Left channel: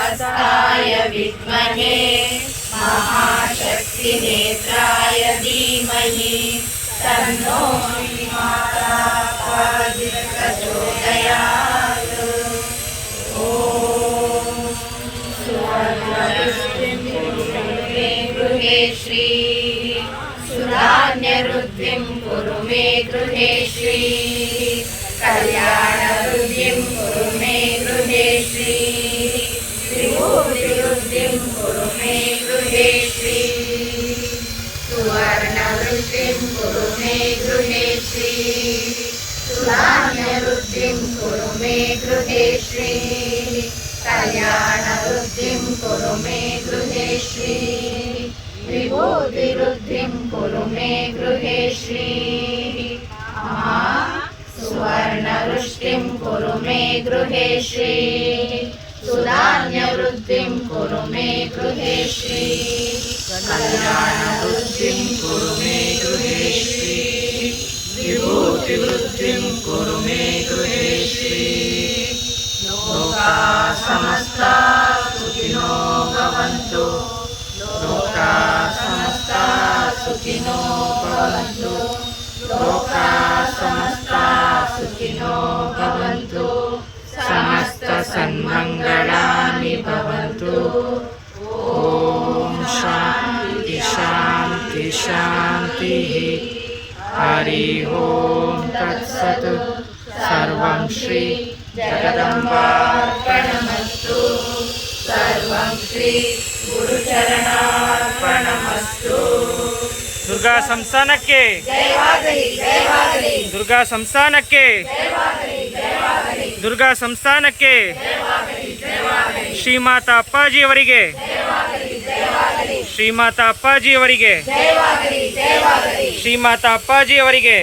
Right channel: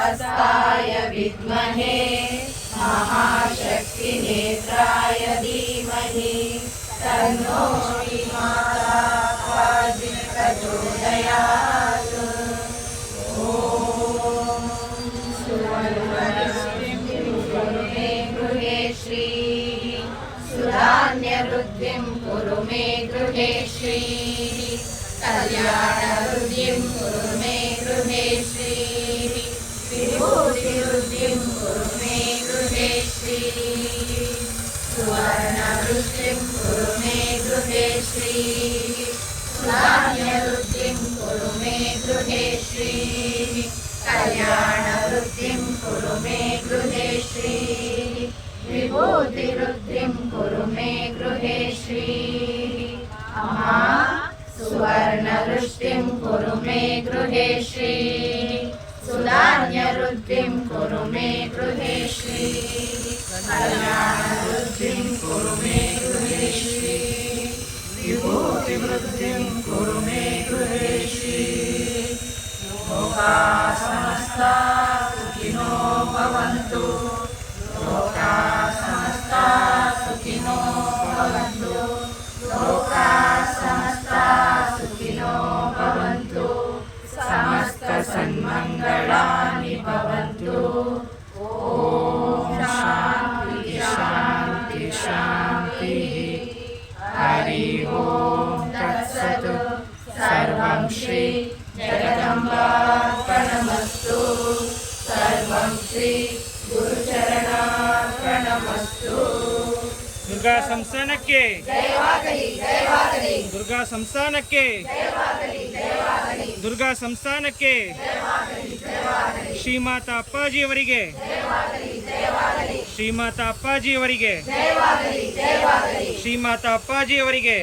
हस्ताय विद्महे महाशक्तिनेत्राय धीमहि तन्नो माता प्रचोदयात्। ॐ सुवर्णवृष्टिं कुरु मे गृहे श्री सुधान्यवृद्धिं कुरु मे गृहे श्री कल्याणवृद्धिं कुरु मे गृहे श्री विभूतिवृद्धिं कुरु मे गृहे श्री सुवर्णवृद्धिं कुरु मे गृहे श्री सुधान्यवृद्धिं कुरु मे गृहे श्री कल्याणवृद्धिं कुरु मे गृहे श्री विभूतिवृद्धिं कुरु मे गृहे श्री सुवर्णवृष्टिं कुरु मे गृहे श्री सुधान्यवृद्धिं कुरु मे गृहे श्री कल्याणवृद्धिं कुरु मे गृहे श्री विभूतिवृद्धिं कुरु मे गृहे श्री लोकाः समस्ताः सुखिनो भवन्तु लोकाः समस्ताः सुखिनो भवन्तु लोकाः समस्ताः सुखिनो भवन्तु समस्तसन्मङ्गलानि भवन्तु। ॐ शान्ति शान्ति शान्तिः। हरि ओं तत्सत्। सर्वं श्री जगदम्बार्पणमस्तु। सर्वं श्री गुरुचरणार्पणमस्तु। ದುರ್ಗಾ ಸಂಸ್ಥಾನಕ್ಕೆ ದುರ್ಗಾ ಸಂಸ್ಥಾನಕ್ಕೆ ದುರ್ಗಾ ಸಂಸ್ಥಾನಕ್ಕೆ ಶ್ರೀಮಾತಾ ಅಪ್ಪಾಜಿಯವರಿಗೆ ಶ್ರೀಮಾತಾ ಅಪ್ಪಾಜಿಯವರಿಗೆ ಶ್ರೀಮಾತಾ ಅಪ್ಪಾಜಿಯವರಿಗೆ